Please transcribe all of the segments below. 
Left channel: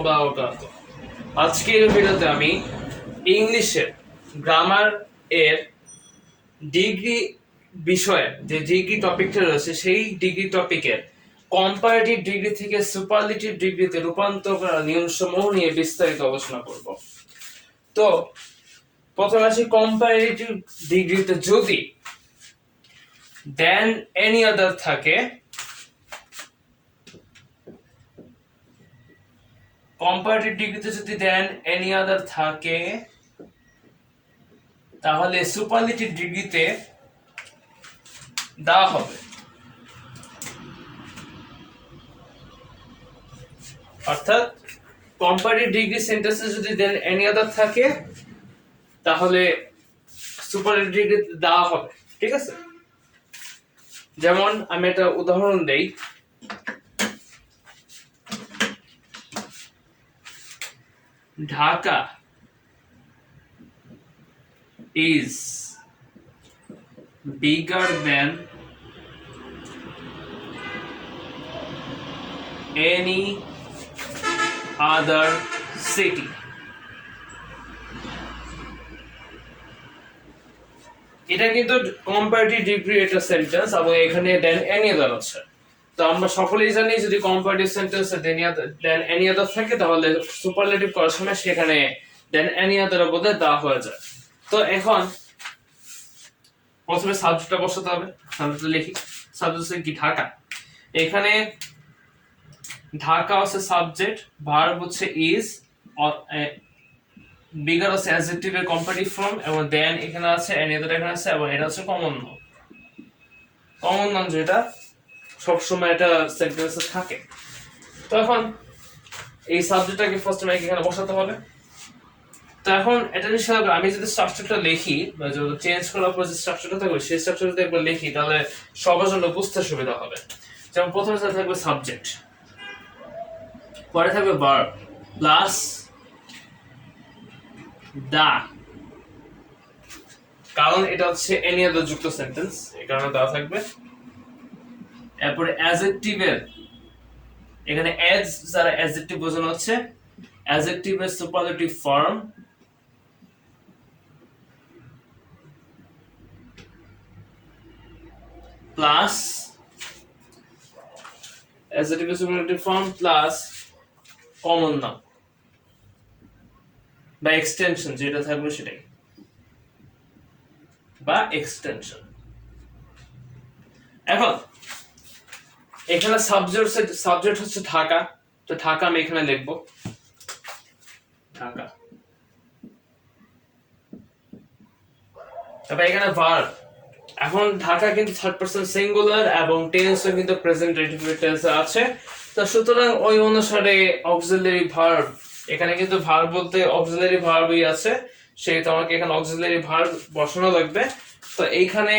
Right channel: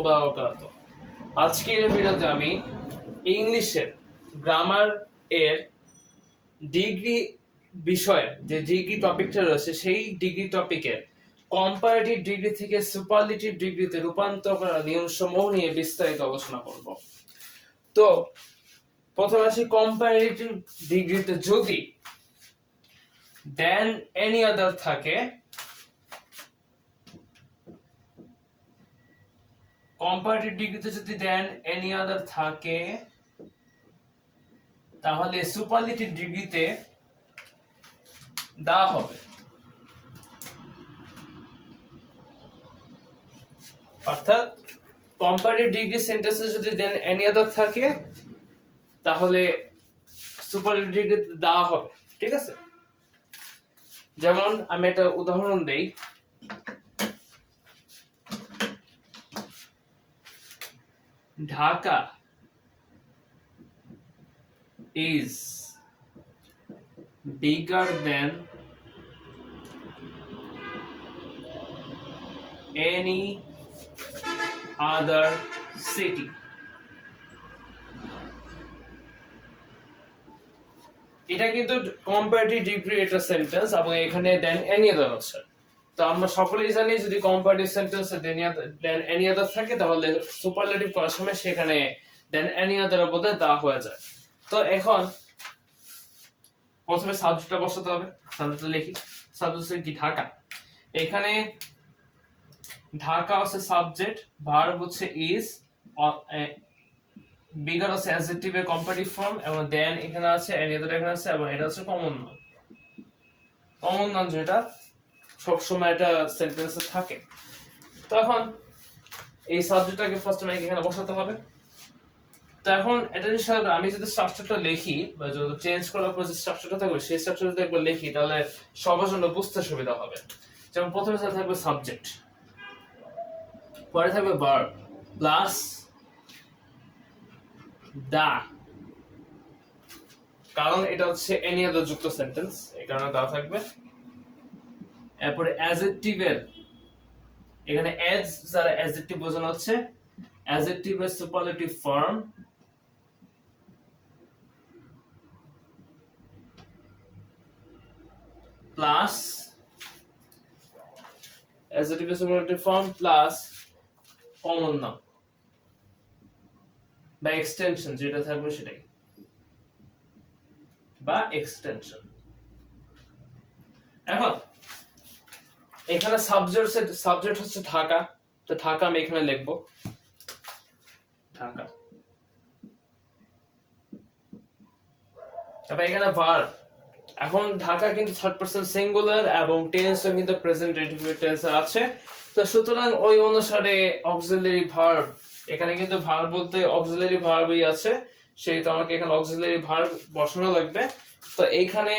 ওয়া বারাকাতুহু। আজকের ভিডিওতে আমি ইংলিশের গ্রামার এর ডিগ্রি বিষয়ের যে ডিগ্রি টপিকটা রয়েছে সেই ডিগ্রি টপিকের কম্পারেটিভ ডিগ্রি থেকে সুপারলেটিভ ডিগ্রিতে রূপান্তর করার নিয়মসমূহ নিয়ে বিস্তারিত আলোচনা করব। তো প্রথমে আসি কম্পারেটিভ ডিগ্রিতে যদি দেন এনি আদার থাকে, কম্পারেটিভ ডিগ্রিতে যদি দেন এনি আদার থাকে তাহলে সুপারলেটিভ ডিগ্রিতে দেওয়া হবে। অর্থাৎ কম্পারেটিভ ডিগ্রি সেন্টেন্সে যদি দেন এনি আদার থাকে তাহলে সুপারলেটিভ ডিগ্রিতে দেওয়া হবে। ঠিক আছে, যেমন আমি একটা উদাহরণ দেই। Dhaka is bigger than any other city. এটা কিন্তু কম্পারেটিভ ডিগ্রি একটা সেন্টেন্স এবং এখানে দেন এনি আদার আছে। তো আমরা সকলেই জানি যদি কম্পারেটিভ সেন্টেন্সে দেন এনি আদার থাকে তাহলে সুপারলেটিভ করার সময় সেখানে দেন এনি আদার বদলে দা হয়ে যায়। তো এখন প্রথমে সাবজেক্টটা বসাতে হবে। সাবজেক্টটা লিখি। সাবজেক্ট হচ্ছে কি? ঢাকা। এখানে ঢাকা হচ্ছে সাবজেক্ট, ভার্ব হচ্ছে ইজ, বিগার হচ্ছে অ্যাডজেক্টিভের কম্পারেটিভ ফর্ম, এবং দেন এখানে আছে এনি আদার এখানে আছে, এবং এটা হচ্ছে কমন নাউন। কমন নাউন যেটা সবসময় এটা সেন্টেন্সে থাকে। তো এখন এই সাবজেক্টটাকে ফার্স্ট টাইম এখানে বসাতে হবে। তো এখন এটা হিসাবে আমি যদি স্ট্রাকচারটা লিখি বা যদি চেঞ্জ করার পর যে স্ট্রাকচারটা থাকবে সেই স্ট্রাকচারটা যদি একবার লিখি তাহলে সবার জন্য বুঝতে সুবিধা হবে। যেমন প্রথমে থাকবে সাবজেক্ট, পরে থাকবে ভার্ব প্লাস দা, কারণ এটা হচ্ছে এনি আদার যুক্ত সেন্টেন্স, এই কারণে দা থাকবে। এরপরে অ্যাডজেক্টিভের এখানে অ্যাজ যারা অ্যাডজেক্টিভ বোঝানো হচ্ছে অ্যাডজেক্টিভের সুপারলেটিভ ফর্ম প্লাস অ্যাডজেক্টিভের superlative form plus common noun বা এক্সটেনশন যেটা থাকবে সেটাই, বা এক্সটেনশন। এখন এখানে সাবজেক্ট হচ্ছে ঢাকা, তো ঢাকা আমি এখানে লিখবো ঢাকা। তারপর এখানে ভার্ব, এখন ঢাকা কিন্তু থার্ড পারসন সিঙ্গুলার এবং টেন্সও কিন্তু প্রেজেন্ট রেটিফিকেট টেন্সে আছে। তো সুতরাং ওই অনুসারে অক্সিলারি ভার্ব, এখানে কিন্তু ভার্ব বলতে অক্সিলারি ভার্বই আছে, সেই তো আমাকে এখানে অক্সিলারি ভার্ব বসানো লাগবে। তো এইখানে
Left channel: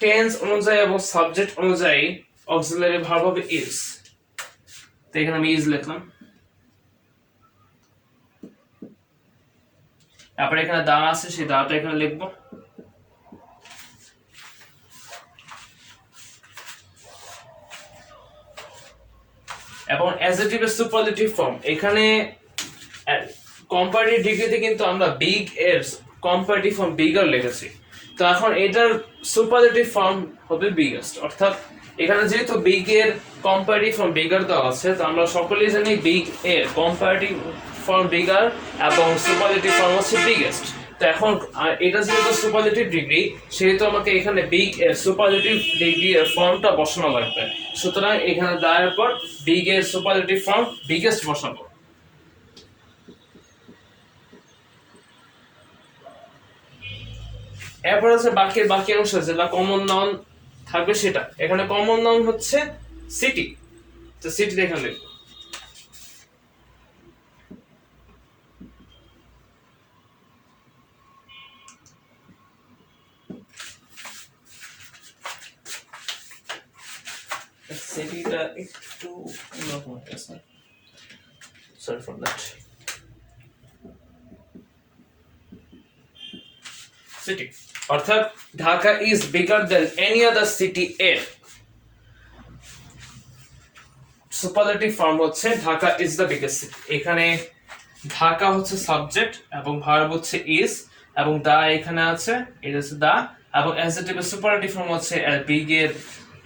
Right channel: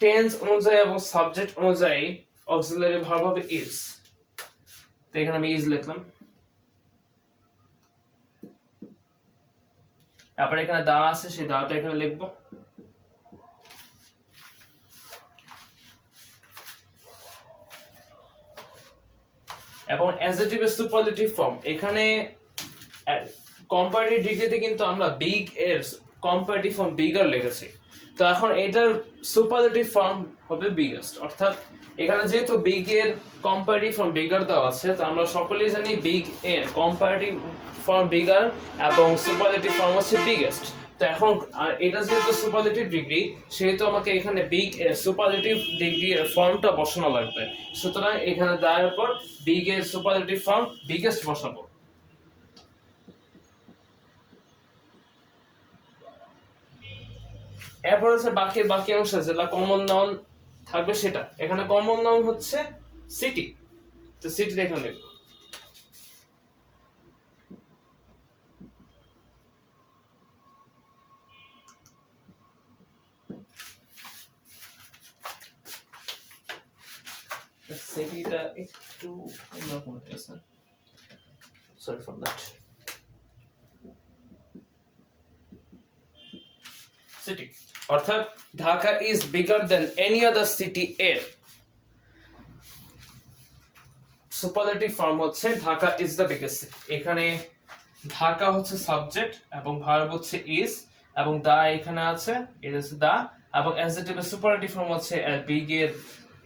টেন্স অনুযায়ী এবং সাবজেক্ট অনুযায়ী অক্সিলারি ভার্ব হবে ইজ। তো এখানে আমি ইজ লিখলাম। তারপরে এখানে দা আছে, সেই দাটা এখানে লিখবো। এবং অ্যাডজেক্টিভের সুপারলেটিভ ফর্ম, এখানে কম্পারেটিভ ডিগ্রিতে কিন্তু আমরা বিগ এর কম্পারেটিভ ফর্ম বিগার লিখেছি। তো এখন এটার সুপারলেটিভ ফর্ম হবে বিগেস্ট। অর্থাৎ এখানে যেহেতু বিগ এর কম্পারেটিভ ফর্ম বিগার দেওয়া আছে, তো আমরা সকলেই জানি বিগ এর কম্পারেটিভ ফর্ম বিগার এবং সুপারলেটিভ ফর্ম হচ্ছে বিগেস্ট। তো এখন এটা যেহেতু সুপারলেটিভ ডিগ্রি সেহেতু আমাকে এখানে বিগ এর সুপারলেটিভ ডিগ্রি এর ফর্মটা বসানো লাগবে। সুতরাং এখানে দেওয়ার পর বিগ এর সুপারলেটিভ ফর্ম বিগেস্ট বসাবো। এরপর হচ্ছে বাকি অংশ যেটা কমন নাউন থাকবে সেটা। এখানে কমন নাউন হচ্ছে সিটি, তো সিটি এখানে লিখবো। সিটিটা একটু অন্যরকম হয়েছে, সরি ফর দ্যাট। সিটি অর্থাৎ Dhaka is bigger than any other city এর সুপারলেটিভ ফর্ম হচ্ছে Dhaka is the biggest city. এখানে ঢাকা হচ্ছে সাবজেক্ট এবং ভার্ব হচ্ছে ইজ এবং দা এখানে আছে, এটা হচ্ছে দা, এবং অ্যাডজেক্টিভের সুপারলেটিভ ফর্ম হচ্ছে বিগ এর,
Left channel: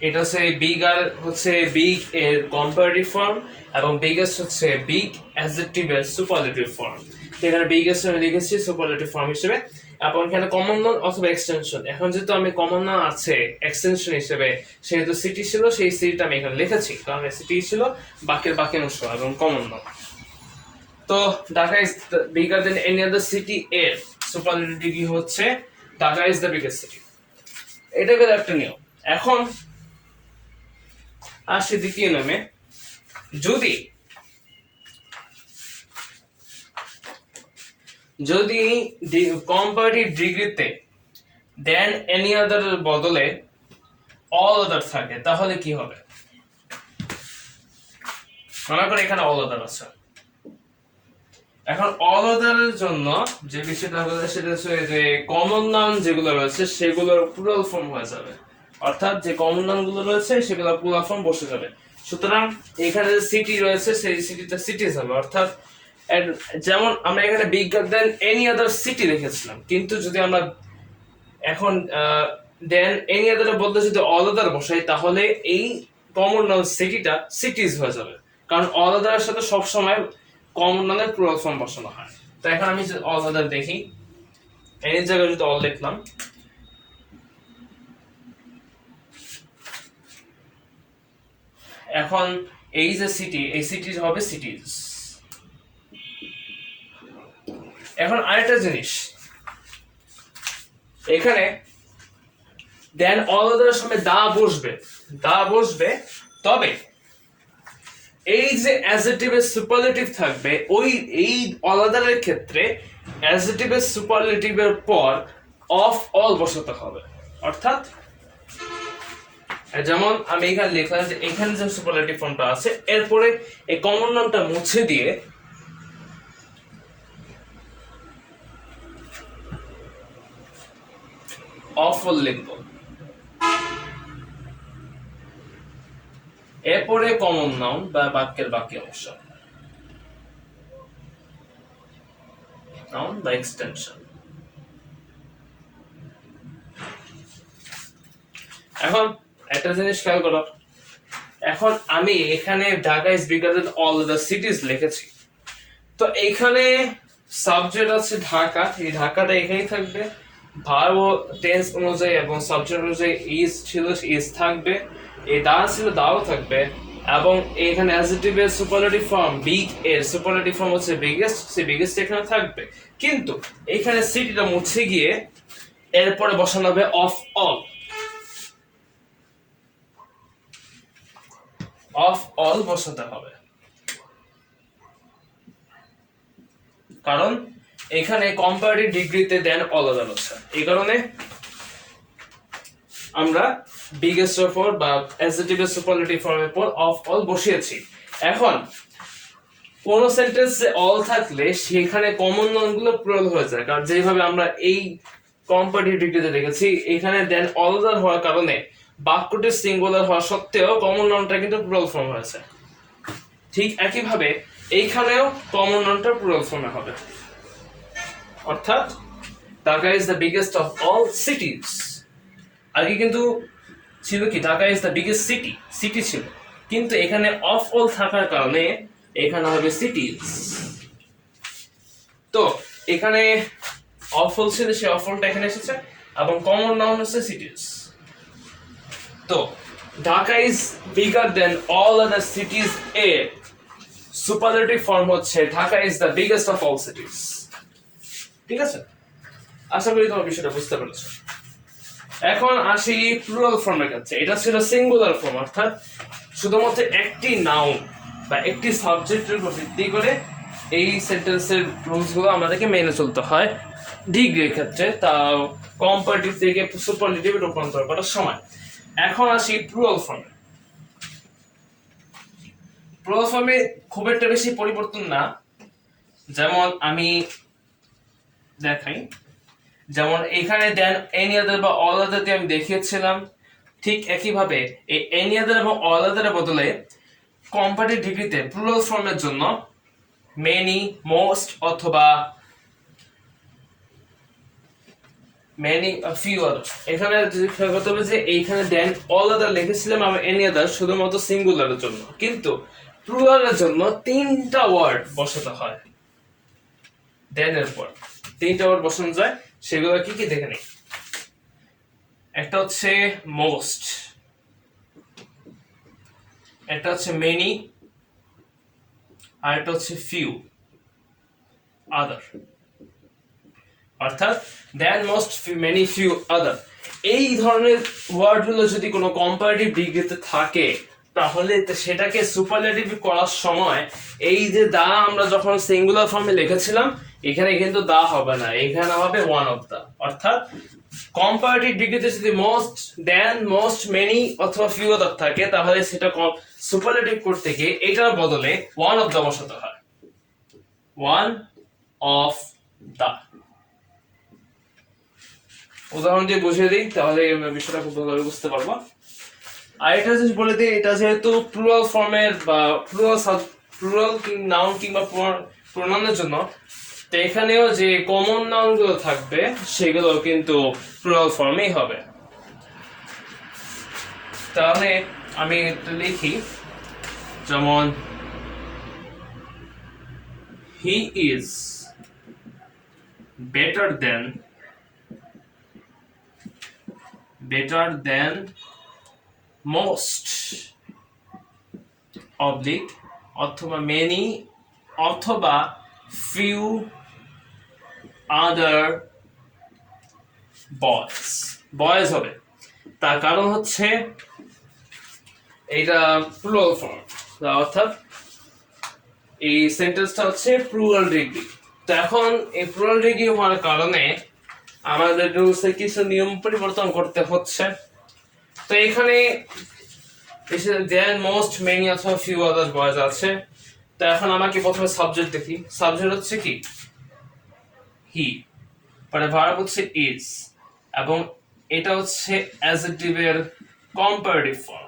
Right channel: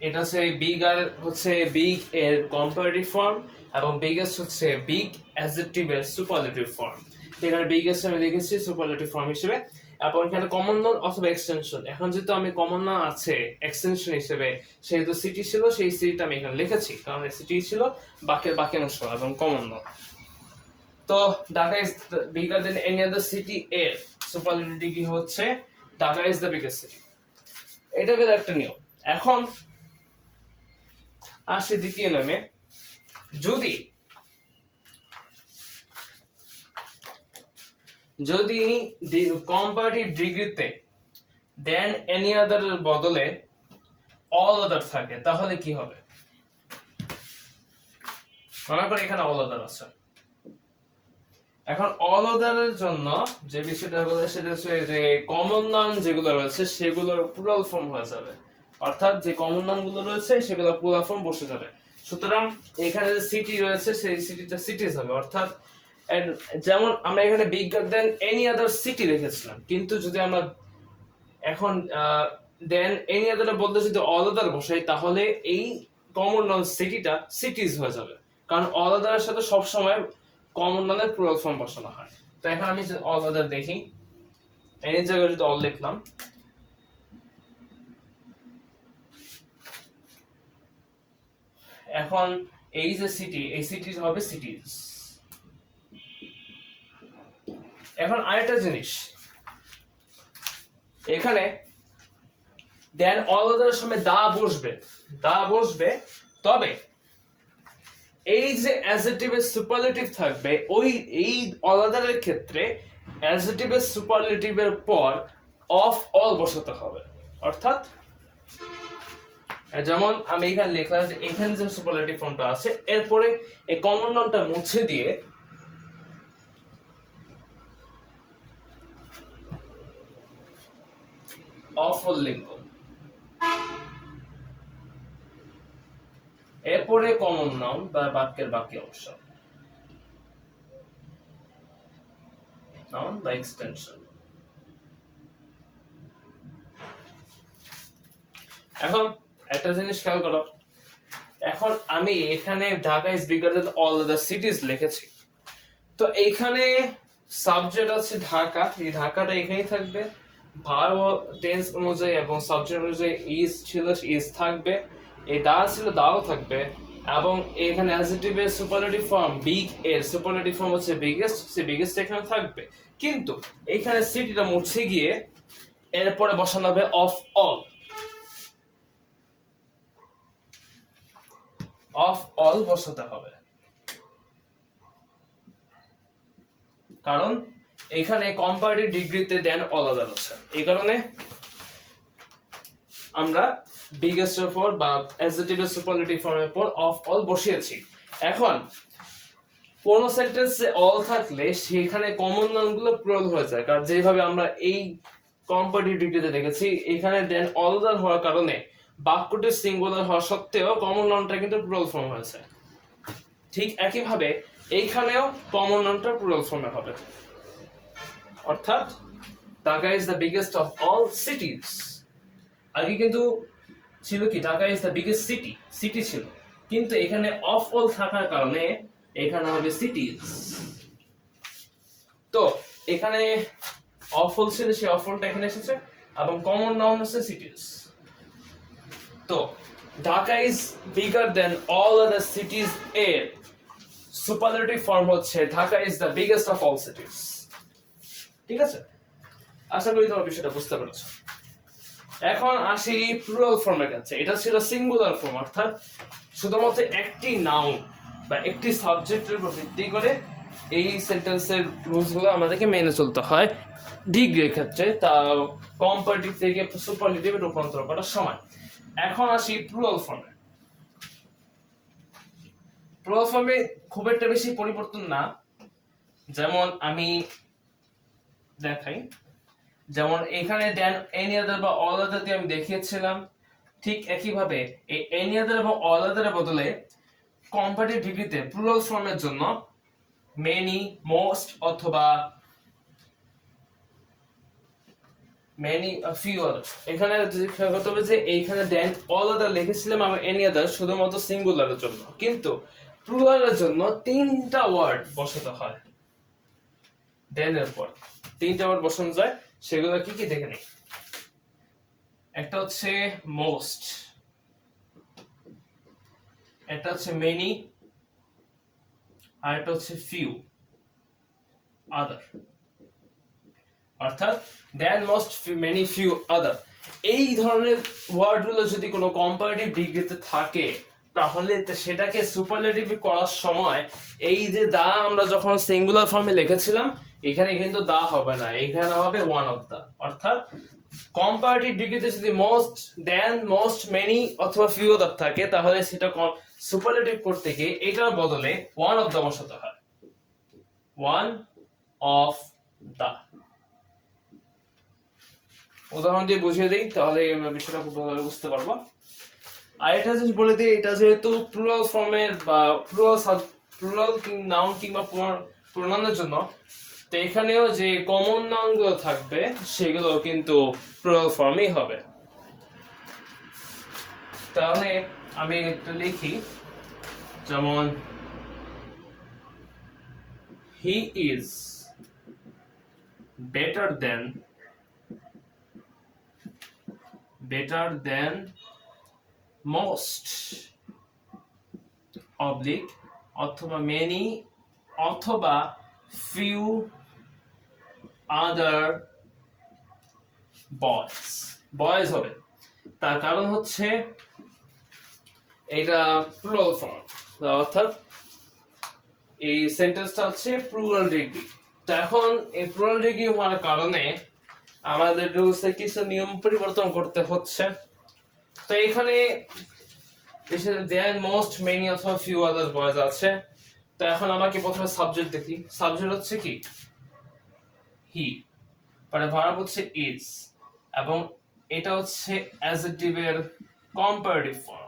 এটা হচ্ছে বিগ আর হচ্ছে বিগ এর কম্পারেটিভ ফর্ম এবং বিগেস্ট হচ্ছে বিগ অ্যাডজেক্টিভের সুপারলেটিভ ফর্ম। এখানে বিগেস্ট আমি লিখেছি সুপারলেটিভ ফর্ম হিসেবে, এবং এখানে কমন নাউন অথবা এক্সটেনশন। এখন যেহেতু আমি কমন নাউন আছে এক্সটেনশন হিসেবে, সেহেতু সিটি ছিল, সেই সিটিটা আমি এখানে লিখেছি, কারণ সিটি ছিল বাকি অংশ এবং কমন নাউন। তো Dhaka is bigger than any other city এর সুপারলেটিভ কি হচ্ছে Dhaka is the biggest city. এটা গেল একটা নিয়ম। এখন আসি দ্বিতীয় নিয়মে। যদি কম্পারেটিভ ডিগ্রিতে দেন এনি আদার বদলে অল আদার থাকে তাহলে কি হবে? মনে করো এখানে অল আদার আছে। এখন অল আদারের জন্য যে বিষয়টা হবে সেটা হচ্ছে যে কমন নাউন যেগুলো রয়েছে সেগুলোর প্লুরাল ফর্ম হয়ে যাবে, অর্থাৎ যে কমন নাউন গুলো রয়েছে সেগুলোর প্লুরাল ফর্ম বসে যাবে। সুতরাং এখানে যে সিটি রয়েছে সেই সিটিটা সিটিজ হবে, অর্থাৎ যেমন আমরা এখানে bigger than any other city লিখেছিলাম, কিন্তু যদি আমরা এখন দেন এনি আদারের বদলে যদি অল আদার বসাই তাহলে এই কমন নাউন সিটিটা সিটিজ হয়ে যাবে, কারণ অল আদারের সাথে সবসময় কমন নাউনের প্লুরাল ফর্ম বসানো হয়। তো এখন আমি যদি অল আদার দেখি, এর জায়গায় যদি অল লিখলাম, এখন এই যে সিটি, এই সিটি হবে সিটিজ। এখন আরেকটা জিনিস, এখানে দেন অল আদারের সময় দা বসবে, তবে এই যে অ্যাডজেক্টিভের সুপারলেটিভ থাকবে ওই এই অল আদারের ক্ষেত্রে অ্যাডজেক্টিভের সুপারলেটিভের পর অফ অল বসাতে হবে, অর্থাৎ যেমন আমি এখানে লিখলাম যে এখানে যে সুপারলেটিভ ফর্মটা আছে এরপরে এই কমন নাউনটা মুছে দিয়ে অফ অল লিখব, এরপরে কমন নাউন বা বাক্যের বাকি অংশ, নাউন বা এক্সটেনশন। এখন একটা জিনিস খেয়াল করো, এখন আমি এখানে Dhaka is bigger then all the সিটিজ লিখেছি, তো এইখানে সাবজেক্ট আছে ঢাকা, এই ঢাকাটা এখানেই থাকবে, ভার্ব টেন্স অনুযায়ী এবং সাবজেক্ট অনুযায়ী ইজ ছিল ইজ থাকবে, এই দা ছিল দাও থাকবে, এবং এখানে অ্যাডজেক্টিভের সুপারলেটিভ ফর্ম বিগ এর সুপারলেটিভ ফর্ম হচ্ছে বিগেস্ট, সেই বিগেস্ট এখানে থাকবে, কিন্তু এখানে সিটিটা মুছে গিয়ে এরপরে বসানো হবে অফ অল বসাতে হবে, কারণ এখানে কম্পারেটিভ ডিগ্রিতে দেন অল আদার আছে, এই কারণে আমরা বিগেস্ট এর পর বা অ্যাডজেক্টিভের সুপারলেটিভ ফর্মের পর অফ অল বসিয়েছি। এখন কোন সেন্টেন্সে অল থাকলে সেখানে কমন নাউন গুলো প্লুরাল হয়ে যায়, কারণ যেভাবে আমরা এই কম্পারেটিভ ডিগ্রিতে দেখেছি এখানে দেন অল আদার হওয়ার কারণে বাক্যটি সিঙ্গুলার হওয়া সত্ত্বেও কমন নাউনটা কিন্তু প্লুরাল ফর্ম হয়েছে। ঠিক একইভাবে এইখানেও কমন নাউনটা প্লুরাল ফর্মে হবে, অর্থাৎ Dhaka is the biggest of all সিটিজ। আগে কিন্তু ছিল কি Dhaka is the biggest city ছিল, কিন্তু এখানে অফ অল থাকার কারণে এখানে হবে সিটিজ। তো এখানে অফ অল ছিল, সেই অফ অলটা এখানে এসেছে এবং কমন নাউন হচ্ছে সিটিজ। তো Dhaka is bigger then all other সিটিজ এর সুপারলেটিভ ফর্ম হচ্ছে Dhaka is the biggest of all সিটিজ। ঠিক আছে, আশা করি তোমার বিষয়টা বুঝতে পেরেছো। এখন আসি প্লুরাল ফর্মের কাছে। এটা ছিল সিঙ্গুলার ফর্ম, অর্থাৎ শুধুমাত্র একটি নাউন বা একটি সাবজেক্টের উপর ভিত্তি করে এই সেন্টেন্সের রুলসগুলো আমাদেরকে মেনে চলতে হয় ডিগ্রির ক্ষেত্রে, তা কম্পারেটিভ থেকে সুপারলেটিভে রূপান্তর করার সময়। এখন আসি প্লুরাল ফর্মে। প্লুরাল ফর্মে খুব একটা বেশি পরিবর্তন না, যেমন আমি দেখাই, যেমন এখানে দেন এনি আদার বা অল আদার দিয়ে আমি দেখিয়েছিলাম, ঠিক একইভাবে এই এনি আদার এবং অল আদারের বদলে কম্পারেটিভ ডিগ্রিতে প্লুরাল ফর্মের জন্য মেনি, মোস্ট অথবা মেনি, ফিউ আদার। এখানে খেয়াল করতে হবে যে এইখানে দেন অল আদার লিখেছিলাম আবার এনি আদার শুধুমাত্র সিঙ্গুলারের জন্য, কিন্তু প্লুরালের জন্য 3টা ওয়ার্ড বসাতে হয়। দেন এর পর 3টা ওয়ার্ড বসানো যায়, সেগুলো কি কি দেখে নেই। একটা হচ্ছে মোস্ট, একটা হচ্ছে মেনি, আর একটা হচ্ছে ফিউ আদার। অর্থাৎ দেন মোস্ট, মেনি, ফিউ আদার, এই ধরনের ওয়ার্ডগুলো যদি কোনো কম্পারেটিভ ডিগ্রিতে থাকে তাহলে সেটাকে সুপারলেটিভ করার সময় এই যে দা আমরা যখন সিঙ্গুলার ফর্মে লিখেছিলাম এখানে কিন্তু দা হবে না, এখানে হবে ওয়ান অফ দা। অর্থাৎ কম্পারেটিভ ডিগ্রিতে যদি মোস্ট, দেন, মোস্ট, মেনি অথবা ফিউ আদার থাকে তাহলে সেটা সুপারলেটিভ করতে গিয়ে এটার বদলে ওয়ান অফ দা বসাতে হয়। ওয়ান অফ দা উদাহরণ দিয়ে বুঝিয়ে দিই তাহলে বিষয়টা খুব ভালোভাবে বুঝতে পারবো। আর এটা যদি বলে দিই, এটা যেহেতু প্লুরাল ফর্মের বা প্লুরাল নাউন কিংবা প্রোনাউনের জন্য, তো এখানেও যে কমন নাউন গুলো থাকবে সেগুলো কিন্তু প্লুরাল ফর্মেই হবে। তাহলে আমি একটু লিখি, যেমন he is better then most oblique অথবা মেনি অথবা ফিউ আদার বয়েজ হবে। তার কারণ হচ্ছে এইটা প্লুরাল ফর্ম, অর্থাৎ এই সেন্টেন্সটা হচ্ছে প্লুরাল ডিগ্রি। তো এখন এই প্লুরাল ডিগ্রি হওয়ার কারণে আমাদের রুলসে কিছু নিয়ম পরিবর্তন করতে হচ্ছে। তো এখানে দেন, মোস্ট, মেনি অথবা ফিউ আদার বয়েজ আছে। তো এখন আমাকে প্রথমে সাবজেক্ট দেখি। সাবজেক্ট হচ্ছে কি হি, পরে ভার্ব হচ্ছে ইজ, এবং এটা হচ্ছে অ্যাডজেক্টিভের কম্পারেটিভ ফর্ম।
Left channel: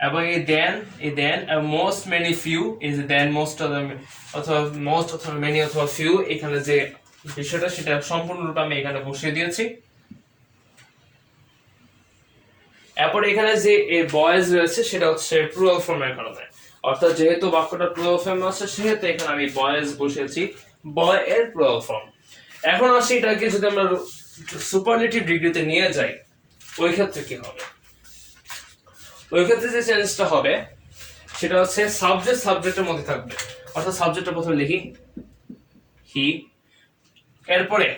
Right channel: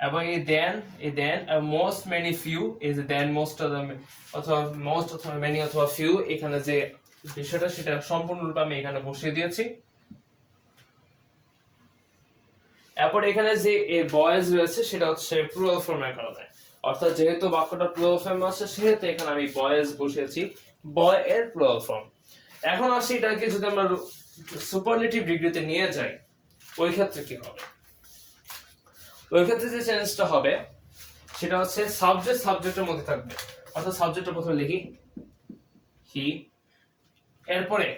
এবং এই দেন মোস্ট, মেনি, ফিউ, এই যে দেন, মোস্ট অথবা মেনি অথবা ফিউ, এখানে যে বিষয়টা সেটা সম্পূর্ণরূপে আমি এখানে বসিয়ে দিয়েছি। এরপর এখানে যে এই বয়েজ রয়েছে সেটা হচ্ছে প্লুরাল ফর্মের কারণে, অর্থাৎ যেহেতু বাক্যটা প্লুরাল ফর্মে আছে সেহেতু এখানে আমি বয়েজ বসিয়েছি, বয় এর প্লুরাল ফর্ম। এখন আসি এটাকে যদি আমরা সুপারলেটিভ ডিগ্রিতে নিয়ে যাই, ওই ক্ষেত্রে কি হবে? ওই ক্ষেত্রে যে চেঞ্জটা হবে সেটা হচ্ছে সাবজেক্টের মধ্যে থাকবে। অর্থাৎ সাবজেক্টটা প্রথমে লিখি হি, এরপরে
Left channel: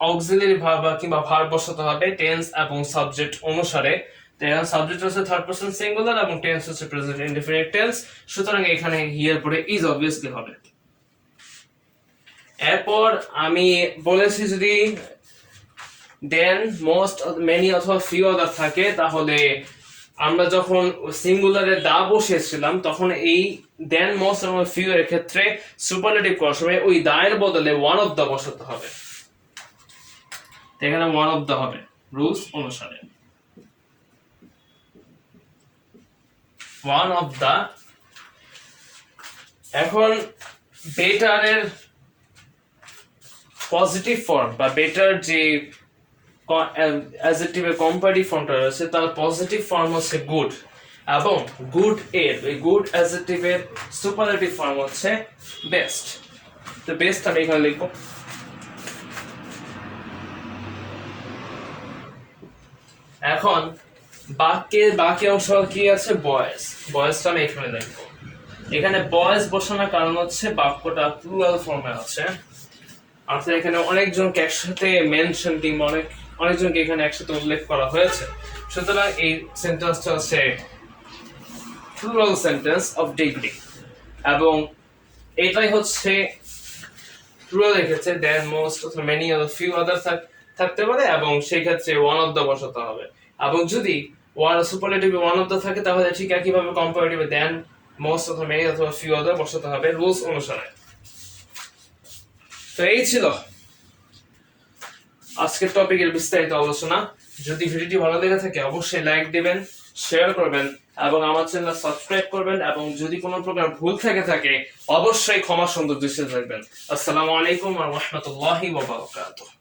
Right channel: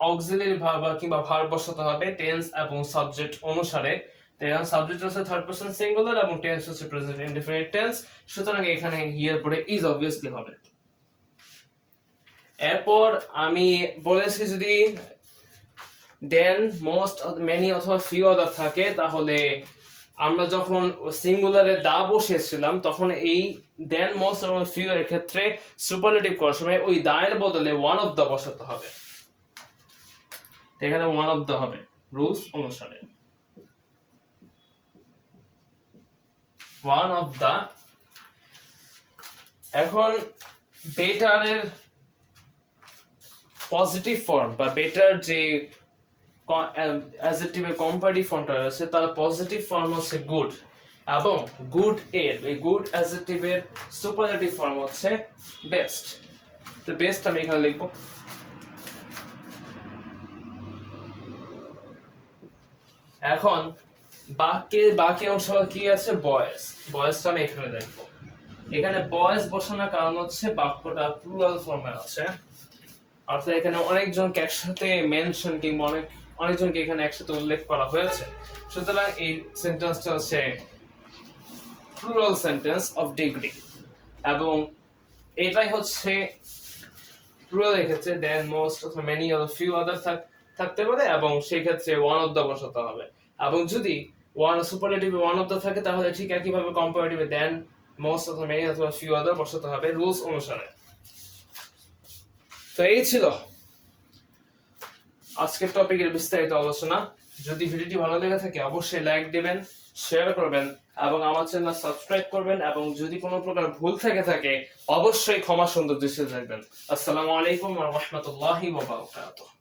অক্সিলারি ভার্ব কিংবা ভার্ব বসাতে হবে টেন্স এবং সাবজেক্ট অনুসারে। এখন সাবজেক্ট হচ্ছে থার্ড পারসন সিঙ্গুলার এবং টেন্স হচ্ছে প্রেজেন্ট ইনডেফিনিট টেন্স, সুতরাং এখানে হি এর পরে ইজ অবভিয়াসলি হবে। এরপর আমি বলেছি যদি দেন, মোস্ট, মেনি অথবা ফিউ আদার থাকে তাহলে আমরা যখন সিঙ্গুলারে দা বসিয়েছিলাম তখন এই দেন, মোস্ট এবং ফিউ এর ক্ষেত্রে সুপারলেটিভ করার সময় ওই দা এর বদলে ওয়ান অফ দা বসাতে হবে। এখানে ওয়ান অফ দা হবে রুলস অনুসারে, ওয়ান অফ দা। এখন বেটারের পজিটিভ ফর্ম বা বেটার যে অ্যাডজেক্টিভের কম্পারেটিভ ফর্মটা রয়েছে তার পজিটিভ ফর্ম হচ্ছে গুড, এবং এই গুড অ্যাডজেক্টিভের সুপারলেটিভ ফর্ম হচ্ছে বেস্ট। তো বেস্ট আমি এখানে লিখবো। এখন বাকি অংশ কি আছে? বয়েজটা আমি এখানে লিখবো। এখানে বয়েজ বসানোর কারণ হচ্ছে বাক্যটা প্লুরাল ফর্মে আছে, অর্থাৎ এখানে অনেকজনকে একসাথে মেনশন কিংবা অনেকজনকে এখানে একসাথে উল্লেখ করা হয়েছে, সুতরাং এই সেন্টেন্সটা হচ্ছে প্লুরাল সেন্টেন্স অফ ডিগ্রি, এবং এটাই হচ্ছে প্লুরাল ক্ষেত্রে দেন, মোস্ট অথবা মেনি অথবা ফিউ আদার থাকতে পারে, এবং সেই ক্ষেত্রে ওয়ান অফ দা বসাতে হবে। এবং যদি সুপারলেটিভে ওয়ান অফ দা থাকে তাহলে ঠিক একইভাবে কম্পারেটিভে দেন, মোস্ট অথবা মেনি অথবা ফিউ আদার বসাতে হবে রুলস অনুসারে। তো এই ছিল আজকের টপিকের বিস্তারিত আলোচনা। যদি ভিডিওটি ভালো লেগে থাকে অবশ্যই লাইক দিবেন, শেয়ার করবেন এবং আমার চ্যানেল সাবস্ক্রাইব করবেন, এবং যদি কোনো প্রকার ভুল থেকে থাকে অবশ্যই ক্ষমা সুন্দর দৃষ্টিতে দেখবেন। আসসালামু আলাইকুম ওয়া রাহমাতুল্লাহি ওয়া বারাকাতুহু।